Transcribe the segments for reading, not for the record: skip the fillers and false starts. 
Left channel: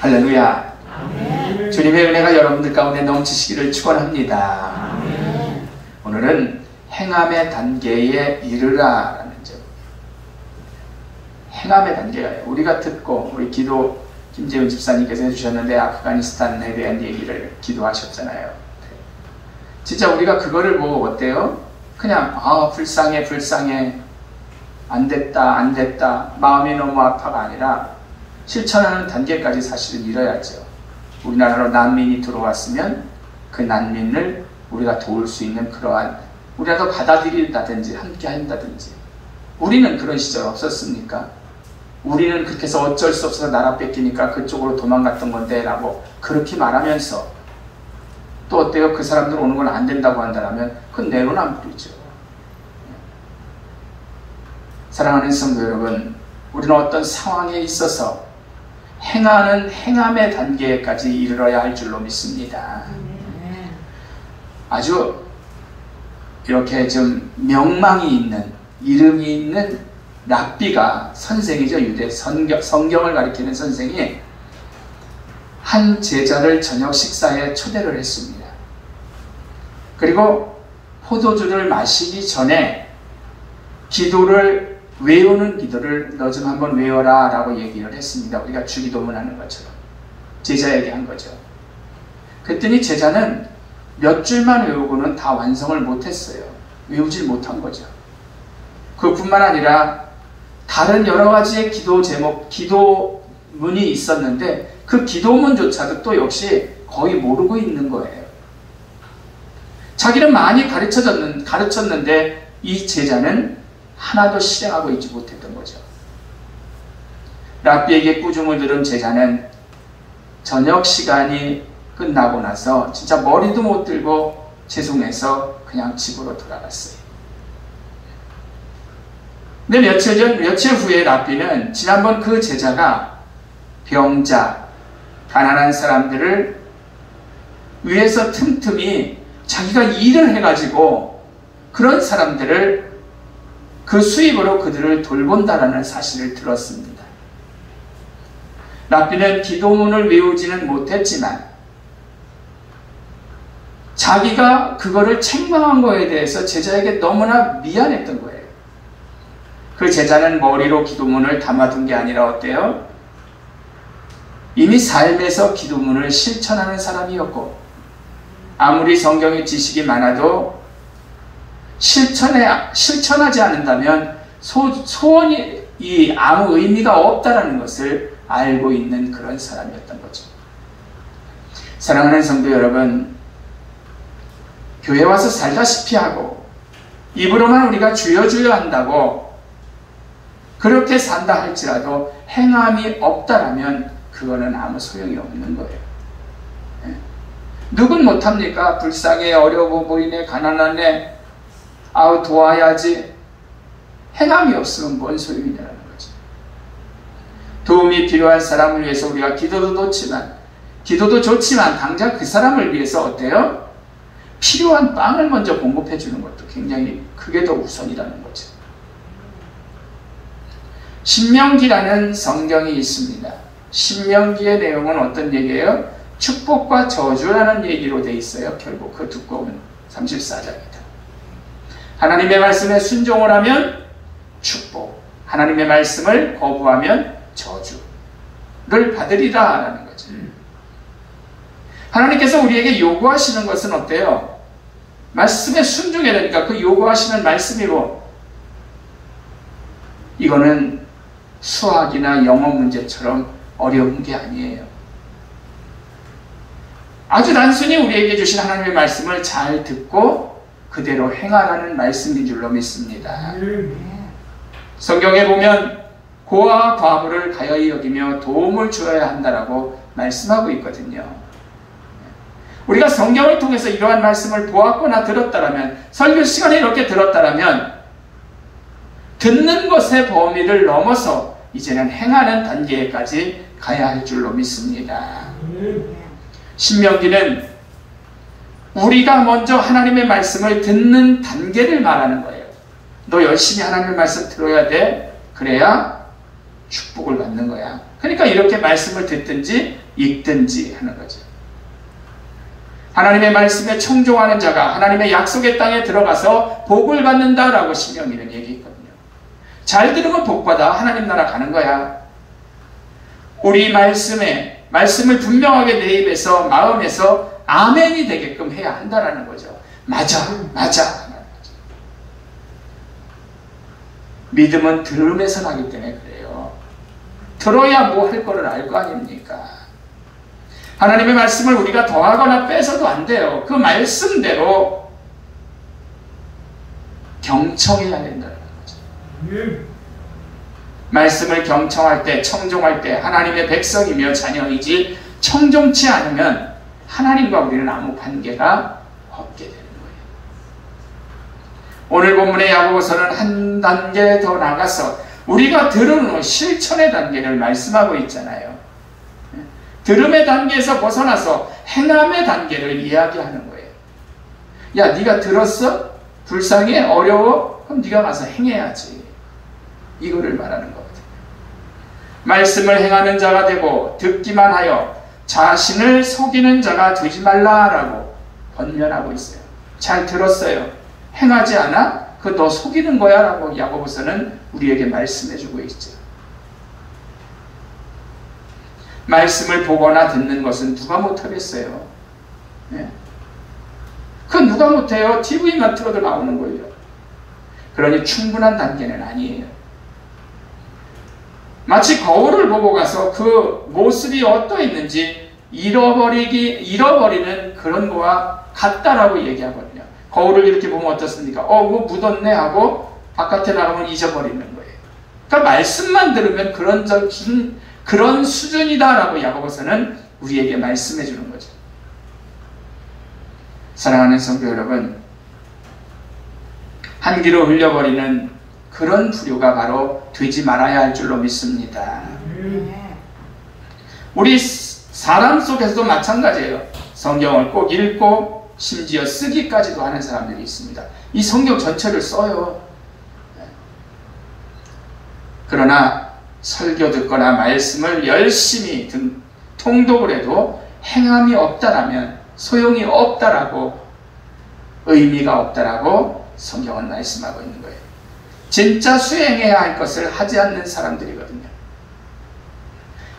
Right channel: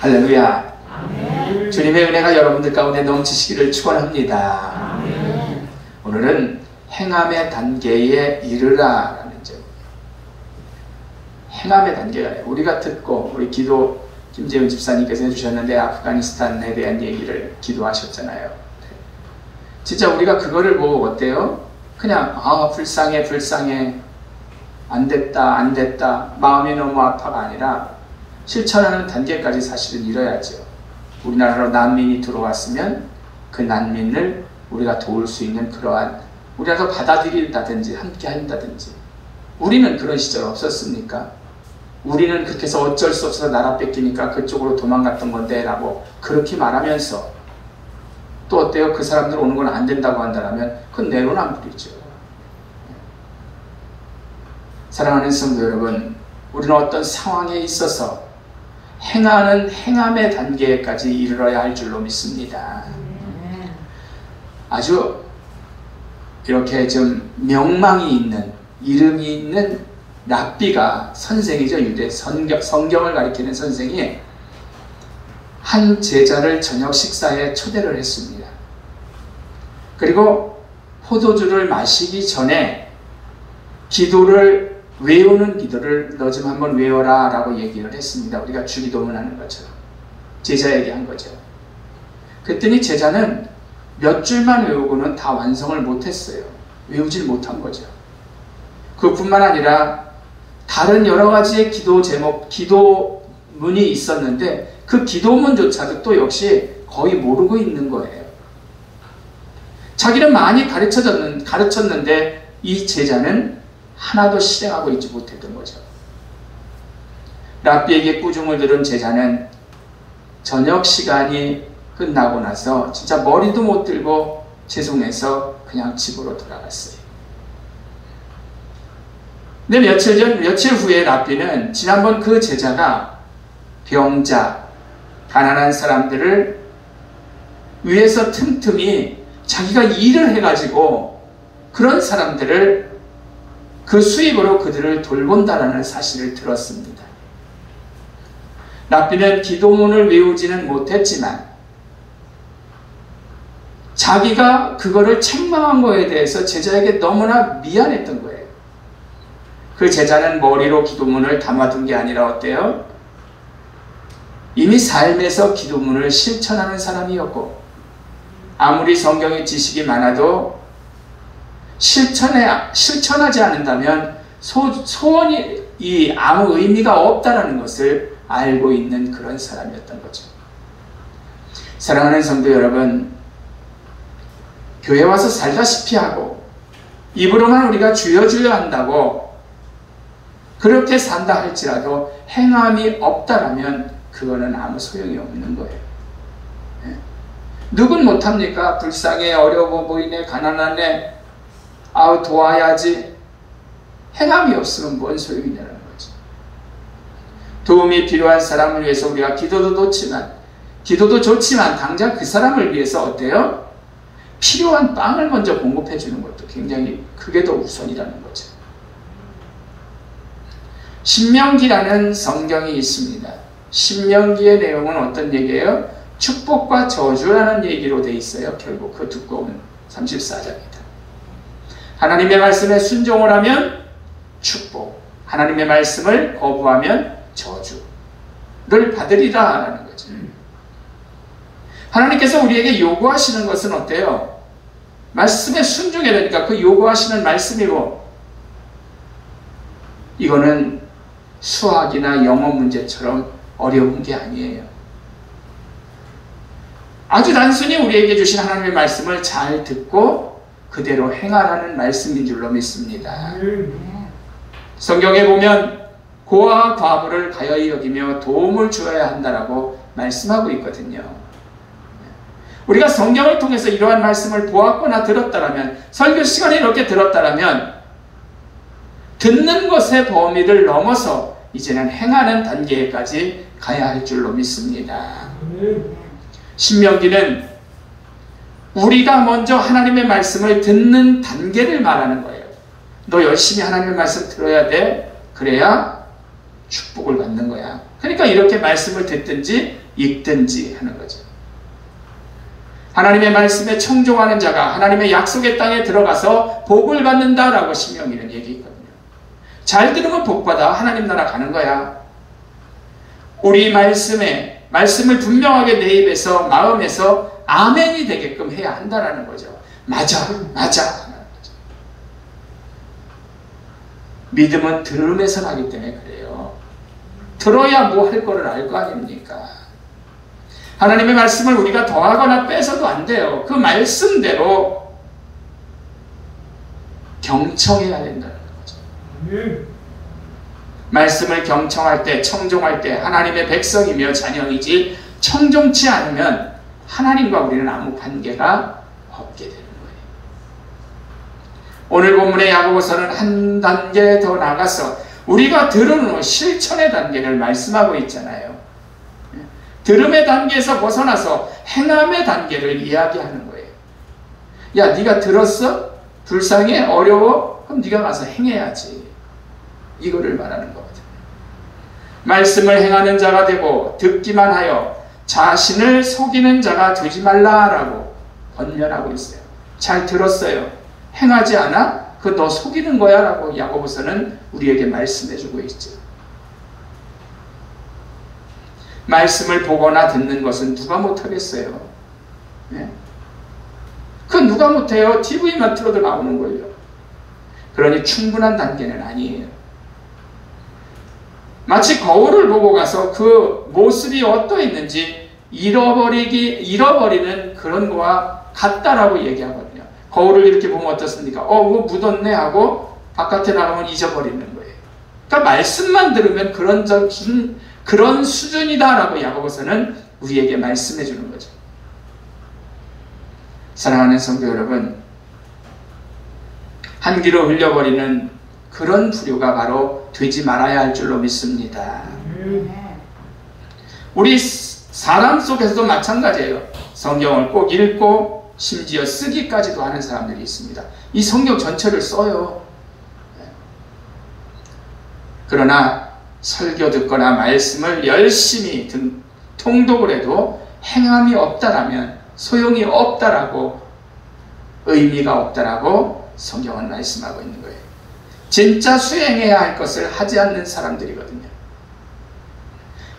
할렐루야. 아멘. 주님의 은혜가 여러분들 가운데 넘치시기를 축원합니다. 아멘. 오늘은 행함의 단계에 이르라라는 점. 행함의 단계가 우리가 듣고 우리 기도 김재훈 집사님께서 해주셨는데 아프가니스탄에 대한 얘기를 기도하셨잖아요. 진짜 우리가 그거를 보고 어때요? 그냥 불쌍해 안 됐다 마음이 너무 아파가 아니라 실천하는 단계까지 사실은 이뤄야죠. 우리나라로 난민이 들어왔으면 그 난민을 우리가 도울 수 있는 그러한 우리가 받아들인다든지 함께 한다든지. 우리는 그런 시절 없었습니까? 우리는 그렇게 해서 어쩔 수 없어서 나라 뺏기니까 그쪽으로 도망갔던 건데 라고 그렇게 말하면서 또 어때요? 그 사람들 오는 건 안 된다고 한다면 그건 내로남불이죠. 사랑하는 성도 여러분, 우리는 어떤 상황에 있어서 행하는 행함의 단계까지 이르러야 할 줄로 믿습니다. 아주 이렇게 좀 명망이 있는 이름이 있는 랍비가 선생이죠. 유대 성경을 가리키는 선생이 한 제자를 저녁 식사에 초대를 했습니다. 그리고 포도주를 마시기 전에 기도를 외우는 기도를 너 좀 한번 외워라 라고 얘기를 했습니다. 우리가 주기도문 하는 것처럼 제자에게 한 거죠. 그랬더니 제자는 몇 줄만 외우고는 다 완성을 못했어요. 외우질 못한 거죠. 그뿐만 아니라 다른 여러 가지의 기도 제목, 기도문이 있었는데 그 기도문조차도 또 역시 거의 모르고 있는 거예요. 자기는 많이 가르쳤는데 이 제자는 하나도 실행하고 있지 못했던 거죠. 랍비에게 꾸중을 들은 제자는 저녁 시간이 끝나고 나서 진짜 머리도 못 들고 죄송해서 그냥 집으로 돌아갔어요. 근데 며칠 후에 랍비는 지난번 그 제자가 병자, 가난한 사람들을 위해서 틈틈이 자기가 일을 해가지고 그런 사람들을 그 수입으로 그들을 돌본다라는 사실을 들었습니다. 랍비는 기도문을 외우지는 못했지만 자기가 그거를 책망한 거에 대해서 제자에게 너무나 미안했던 거예요. 그 제자는 머리로 기도문을 담아둔 게 아니라 어때요? 이미 삶에서 기도문을 실천하는 사람이었고 아무리 성경의 지식이 많아도 실천하지 않는다면 소원이 아무 의미가 없다라는 것을 알고 있는 그런 사람이었던 거죠. 사랑하는 성도 여러분, 교회 와서 살다시피 하고 입으로만 우리가 주여 한다고 그렇게 산다 할지라도 행함이 없다라면 그거는 아무 소용이 없는 거예요. 누군 못합니까? 불쌍해, 어려워 보이네, 가난하네, 도와야지. 행함이 없으면 뭔 소용이냐는 거죠. 도움이 필요한 사람을 위해서 우리가 기도도 좋지만 당장 그 사람을 위해서 어때요? 필요한 빵을 먼저 공급해 주는 것도 굉장히 그게 더 우선이라는 거죠. 신명기라는 성경이 있습니다. 신명기의 내용은 어떤 얘기예요? 축복과 저주라는 얘기로 돼 있어요. 결국 그 두꺼운 34장입니다. 하나님의 말씀에 순종을 하면 축복, 하나님의 말씀을 거부하면 저주를 받으리라 하는 거죠. 하나님께서 우리에게 요구하시는 것은 어때요? 말씀에 순종해야 되니까 그 요구하시는 말씀이고, 이거는 수학이나 영어 문제처럼 어려운 게 아니에요. 아주 단순히 우리에게 주신 하나님의 말씀을 잘 듣고 그대로 행하라는 말씀인 줄로 믿습니다. 성경에 보면 고아와 과부를 가여이 여기며 도움을 주어야 한다라고 말씀하고 있거든요. 우리가 성경을 통해서 이러한 말씀을 보았거나 들었다라면, 설교 시간에 이렇게 들었다라면 듣는 것의 범위를 넘어서 이제는 행하는 단계까지 가야 할 줄로 믿습니다. 신명기는 우리가 먼저 하나님의 말씀을 듣는 단계를 말하는 거예요. 너 열심히 하나님의 말씀 들어야 돼. 그래야 축복을 받는 거야. 그러니까 이렇게 말씀을 듣든지 읽든지 하는 거죠. 하나님의 말씀에 청종하는 자가 하나님의 약속의 땅에 들어가서 복을 받는다라고 신명기는 얘기했거든요. 잘 들으면 복받아 하나님 나라 가는 거야. 우리 말씀을 분명하게 내 입에서 마음에서 아멘이 되게끔 해야 한다라는 거죠. 맞아. 믿음은 들음에서 나기 때문에 그래요. 들어야 뭐 할 거를 알 거 아닙니까? 하나님의 말씀을 우리가 더하거나 빼서도 안 돼요. 그 말씀대로 경청해야 된다는 거죠. 말씀을 경청할 때, 청종할 때 하나님의 백성이며 자녀이지 청종치 않으면 하나님과 우리는 아무 관계가 없게 되는 거예요. 오늘 본문의 야고보서는 한 단계 더 나가서 우리가 들은 후 실천의 단계를 말씀하고 있잖아요. 들음의 단계에서 벗어나서 행함의 단계를 이야기하는 거예요. 야, 네가 들었어? 불쌍해? 어려워? 그럼 네가 가서 행해야지. 이거를 말하는 거거든요. 말씀을 행하는 자가 되고 듣기만 하여 자신을 속이는 자가 되지 말라라고 권면하고 있어요. 잘 들었어요. 행하지 않아? 그거 너 속이는 거야 라고 야고보서는 우리에게 말씀해주고 있죠. 말씀을 보거나 듣는 것은 누가 못하겠어요? 네. 그건 누가 못해요? TV만 틀어도 나오는 거예요. 그러니 충분한 단계는 아니에요. 마치 거울을 보고 가서 그 모습이 어떠했는지 잃어버리는 그런 거와 같다라고 얘기하거든요. 거울을 이렇게 보면 어떻습니까? 뭐 묻었네 하고 바깥에 나가면 잊어버리는 거예요. 그러니까 말씀만 들으면 그런 수준이다라고 야고보서는 우리에게 말씀해 주는 거죠. 사랑하는 성도 여러분, 한 귀로 흘려버리는 그런 부류가 바로 되지 말아야 할 줄로 믿습니다. 우리 사람 속에서도 마찬가지예요. 성경을 꼭 읽고 심지어 쓰기까지도 하는 사람들이 있습니다. 이 성경 전체를 써요. 그러나 설교 듣거나 말씀을 열심히 통독을 해도 행함이 없다라면 소용이 없다라고, 의미가 없다라고 성경은 말씀하고 있는 거예요. 진짜 수행해야 할 것을 하지 않는 사람들이거든요.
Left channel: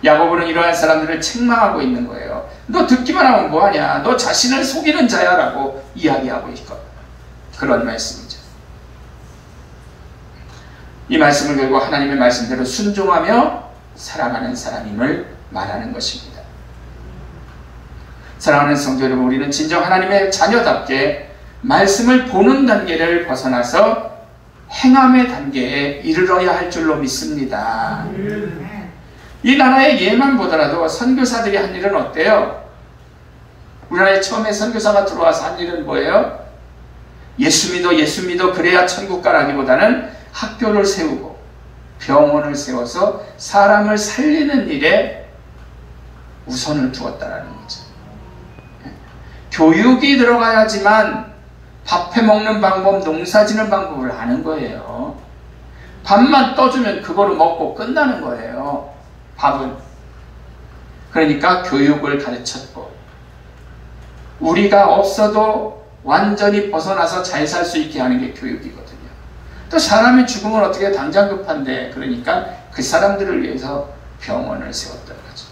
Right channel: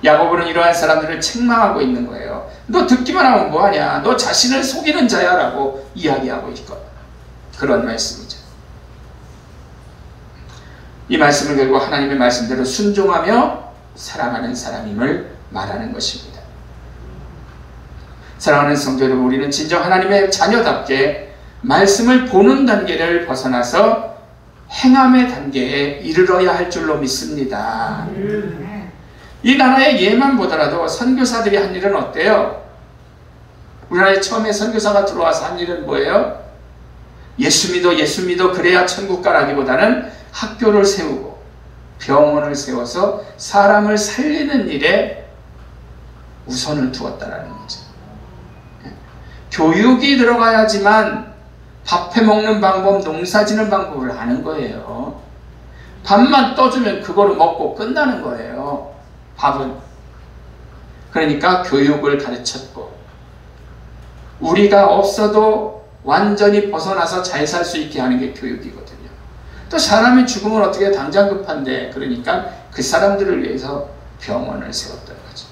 야고보는 이러한 사람들을 책망하고 있는 거예요. 너 듣기만 하면 뭐하냐? 너 자신을 속이는 자야 라고 이야기하고 있고, 그런 말씀이죠. 이 말씀을 결국 하나님의 말씀대로 순종하며 살아가는 사람임을 말하는 것입니다. 사랑하는 성도 여러분, 우리는 진정 하나님의 자녀답게 말씀을 보는 단계를 벗어나서 행함의 단계에 이르러야 할 줄로 믿습니다. 이 나라의 예만 보더라도 선교사들이 한 일은 어때요? 우리나라에 처음에 선교사가 들어와서 한 일은 뭐예요? 예수 믿어 그래야 천국 가라기보다는 학교를 세우고 병원을 세워서 사람을 살리는 일에 우선을 두었다라는 거죠. 교육이 들어가야지만 밥 해먹는 방법, 농사 짓는 방법을 아는 거예요. 밥만 떠주면 그거를 먹고 끝나는 거예요. 밥은. 그러니까 교육을 가르쳤고, 우리가 없어도 완전히 벗어나서 잘 살 수 있게 하는 게 교육이거든요. 또 사람이 죽으면 어떻게 당장 급한데, 그러니까 그 사람들을 위해서 병원을 세웠던 거죠.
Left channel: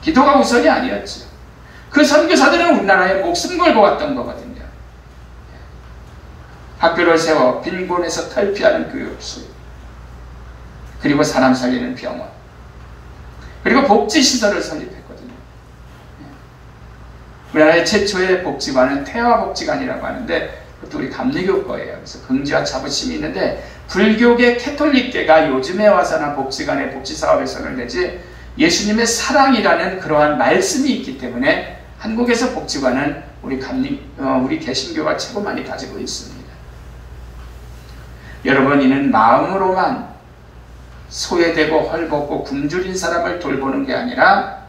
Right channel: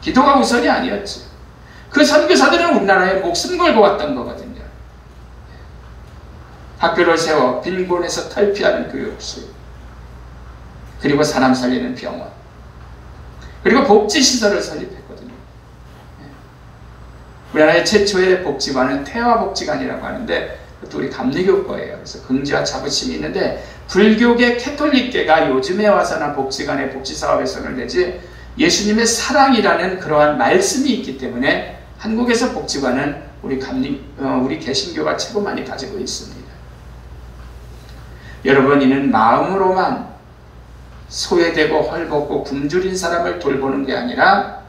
기도가 우선이 아니었지. 그 선교사들은 우리나라에 목숨 걸고 왔던 거거든요. 학교를 세워 빈곤에서 탈피하는 교육소, 그리고 사람 살리는 병원, 그리고 복지시설을 설립했거든요. 우리나라의 최초의 복지관은 태화복지관이라고 하는데, 그것도 우리 감리교 거예요. 그래서 긍지와 자부심이 있는데, 불교계 캐톨릭계가 요즘에 와서는 복지관의 복지사업에 손을 내지, 예수님의 사랑이라는 그러한 말씀이 있기 때문에 한국에서 복지관은 우리 개신교가 최고 많이 가지고 있습니다. 여러분, 이는 마음으로만 소외되고 헐벗고 굶주린 사람을 돌보는 게 아니라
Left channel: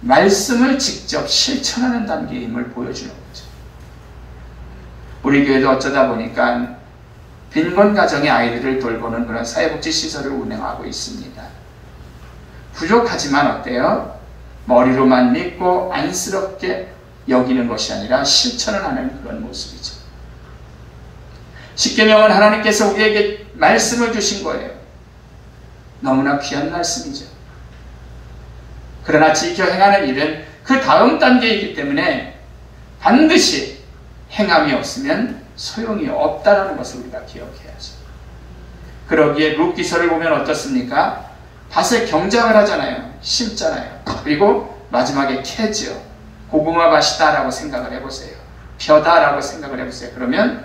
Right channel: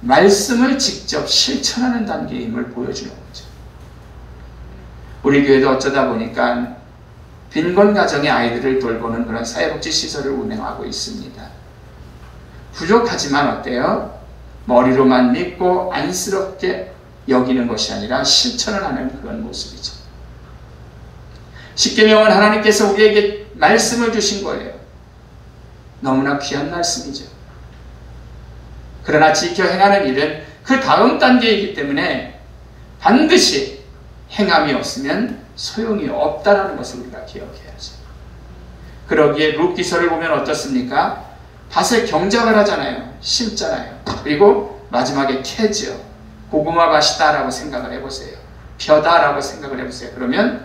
말씀을 직접 실천하는 단계임을 보여주는 거죠. 우리 교회도 어쩌다 보니까 빈곤 가정의 아이들을 돌보는 그런 사회복지 시설을 운영하고 있습니다. 부족하지만 어때요? 머리로만 믿고 안쓰럽게 여기는 것이 아니라 실천을 하는 그런 모습이죠. 십계명은 하나님께서 우리에게 말씀을 주신 거예요. 너무나 귀한 말씀이죠. 그러나 지켜 행하는 일은 그 다음 단계이기 때문에 반드시 행함이 없으면 소용이 없다는 것을 우리가 기억해야죠. 그러기에 룻기서를 보면 어떻습니까? 밭에 경작을 하잖아요. 심잖아요. 그리고 마지막에 캐죠. 고구마 밭이다라고 생각을 해보세요. 벼다라고 생각을 해보세요. 그러면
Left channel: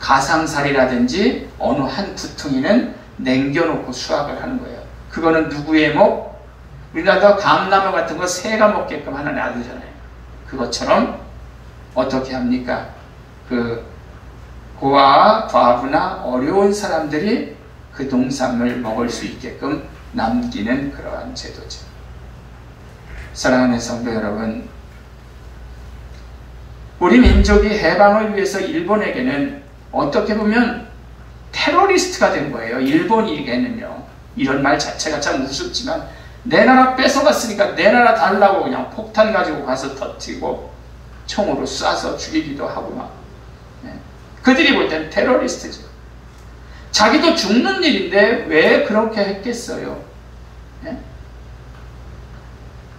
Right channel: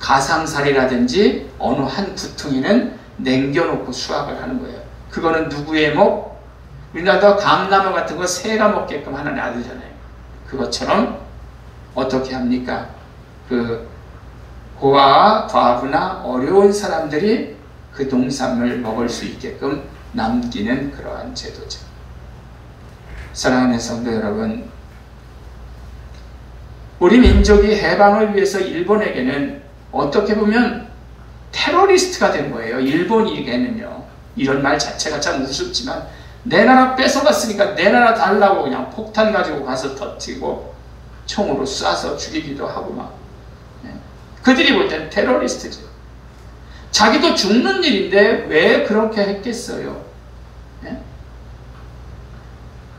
가상살이라든지 어느 한 두퉁이는 남겨놓고 수확을 하는 거예요. 그거는 누구의 목? 우리나라 감나무 같은 거 새가 먹게끔 하는 아들잖아요. 그것처럼 어떻게 합니까? 그 고아와 과부나 어려운 사람들이 그 농산물 먹을 수 있게끔 남기는 그러한 제도죠. 사랑하는 성도 여러분, 우리 민족이 해방을 위해서 일본에게는 어떻게 보면 테러리스트가 된 거예요. 일본에게는요. 이런 말 자체가 참 우습지만 내 나라 뺏어갔으니까 내 나라 달라고 그냥 폭탄 가지고 가서 터뜨리고 총으로 쏴서 죽이기도 하고 막. 그들이 볼 때는 테러리스트죠. 자기도 죽는 일인데 왜 그렇게 했겠어요?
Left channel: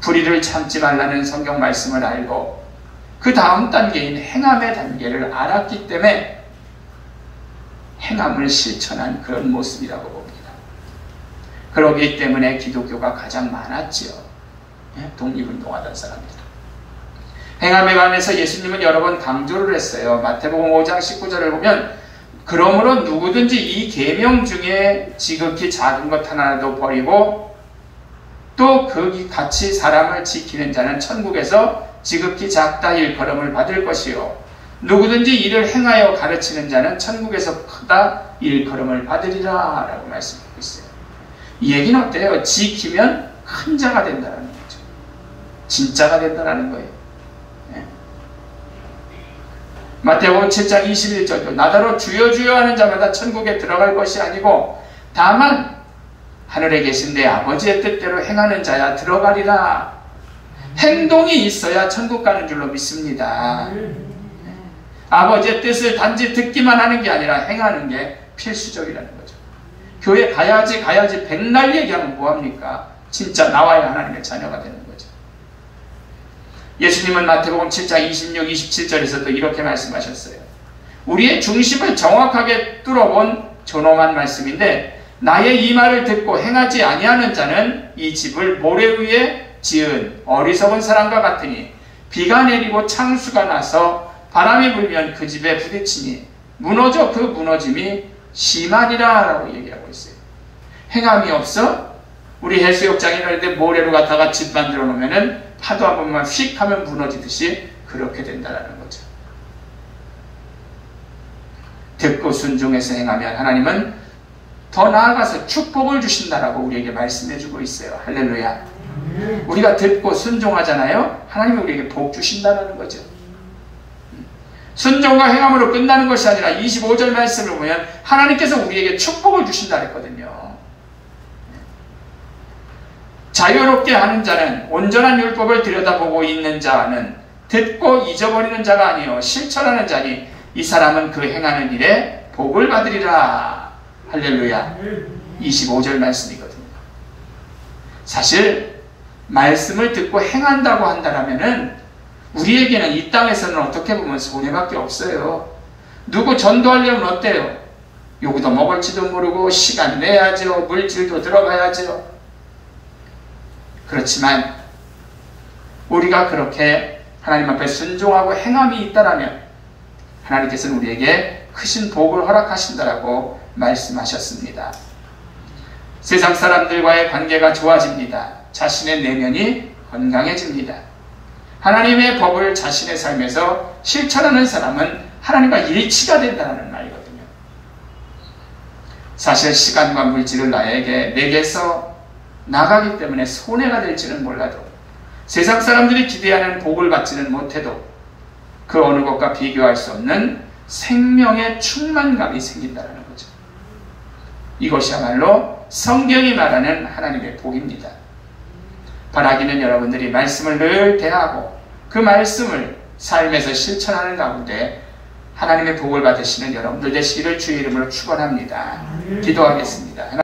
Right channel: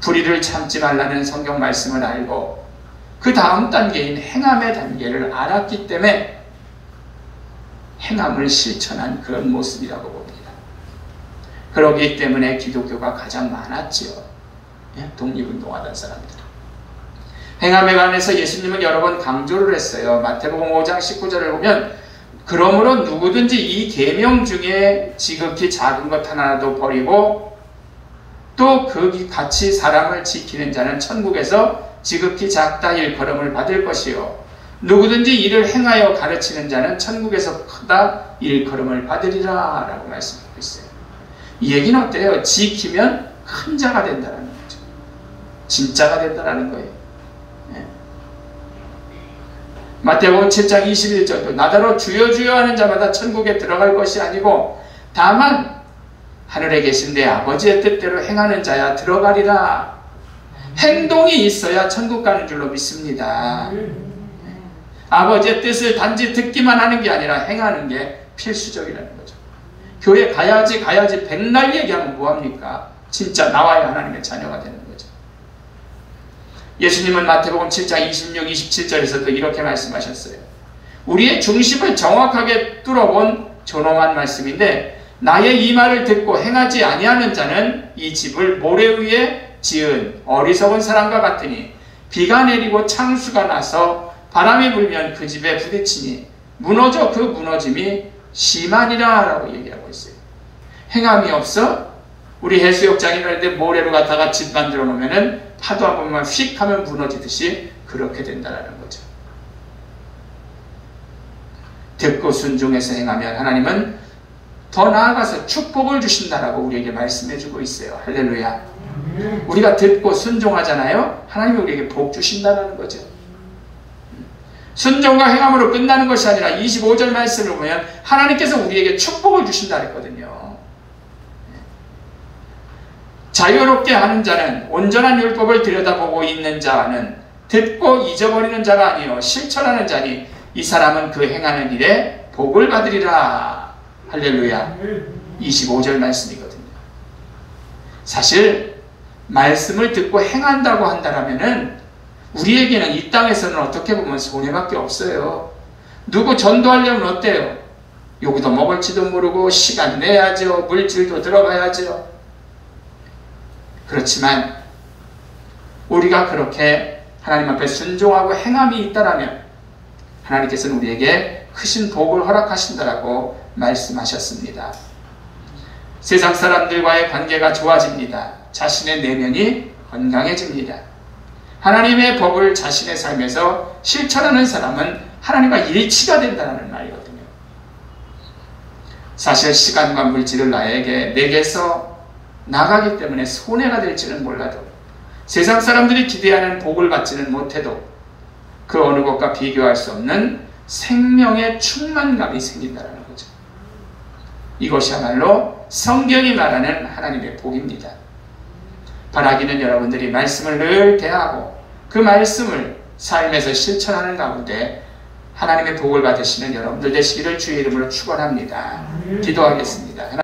불의를 참지 말라는 성경 말씀을 알고 그 다음 단계인 행함의 단계를 알았기 때문에 행함을 실천한 그런 모습이라고 봅니다. 그러기 때문에 기독교가 가장 많았지요. 독립운동하던 사람들. 행함에 관해서 예수님은 여러 번 강조를 했어요. 마태복음 5장 19절을 보면 그러므로 누구든지 이 계명 중에 지극히 작은 것 하나라도 버리고 또 그 같이 사람을 지키는 자는 천국에서 지극히 작다 일컬음을 받을 것이요 누구든지 이를 행하여 가르치는 자는 천국에서 크다 일컬음을 받으리라 라고 말씀하고 있어요. 이 얘기는 어때요? 지키면 큰 자가 된다는 거죠. 진짜가 된다는 거예요. 마태복음 7장 21절도 나더러 주여 주여 하는 자마다 천국에 들어갈 것이 아니고 다만 하늘에 계신 내 아버지의 뜻대로 행하는 자야 들어가리라. 행동이 있어야 천국 가는 줄로 믿습니다. 아버지의 뜻을 단지 듣기만 하는 게 아니라 행하는 게 필수적이라는 거죠. 교회 가야지 백날 얘기하면 뭐합니까? 진짜 나와야 하나님의 자녀가 되는 거죠. 예수님은 마태복음 7장 26, 27절에서도 이렇게 말씀하셨어요. 우리의 중심을 정확하게 뚫어본 존엄한 말씀인데 나의 이 말을 듣고 행하지 아니하는 자는 이 집을 모래 위에 지은 어리석은 사람과 같으니 비가 내리고 창수가 나서 바람이 불면 그 집에 부딪히니 무너져 그 무너짐이 심하니라 라고 얘기하고 있어요. 행함이 없어? 우리 해수욕장에 갈 때 모래로 갖다가 집 만들어 놓으면은 파도 한 번만 휙 하면 무너지듯이 그렇게 된다는 거죠. 듣고 순종해서 행하면 하나님은 더 나아가서 축복을 주신다라고 우리에게 말씀해주고 있어요. 할렐루야. 우리가 듣고 순종하잖아요. 하나님이 우리에게 복 주신다는 거죠. 순종과 행함으로 끝나는 것이 아니라 25절 말씀을 보면 하나님께서 우리에게 축복을 주신다 했거든요. 자유롭게 하는 자는 온전한 율법을 들여다보고 있는 자는 듣고 잊어버리는 자가 아니요 실천하는 자니 이 사람은 그 행하는 일에 복을 받으리라. 할렐루야. 25절 말씀이거든요. 사실 말씀을 듣고 행한다고 한다면은 우리에게는 이 땅에서는 어떻게 보면 손해밖에 없어요. 누구 전도하려면 어때요? 요구도 먹을지도 모르고 시간 내야죠. 물질도 들어가야죠. 그렇지만 우리가 그렇게 하나님 앞에 순종하고 행함이 있다라면 하나님께서는 우리에게 크신 복을 허락하신다라고 말씀하셨습니다. 세상 사람들과의 관계가 좋아집니다. 자신의 내면이 건강해집니다. 하나님의 법을 자신의 삶에서 실천하는 사람은 하나님과 일치가 된다는 말이거든요. 사실 시간과 물질을 내게서 나가기 때문에 손해가 될지는 몰라도 세상 사람들이 기대하는 복을 받지는 못해도 그 어느 것과 비교할 수 없는 생명의 충만감이 생긴다는 거죠. 이것이야말로 성경이 말하는 하나님의 복입니다. 바라기는 여러분들이 말씀을 늘 대하고 그 말씀을 삶에서 실천하는 가운데 하나님의 복을 받으시는 여러분들 되시기를 주의 이름으로 축원합니다. 기도하겠습니다.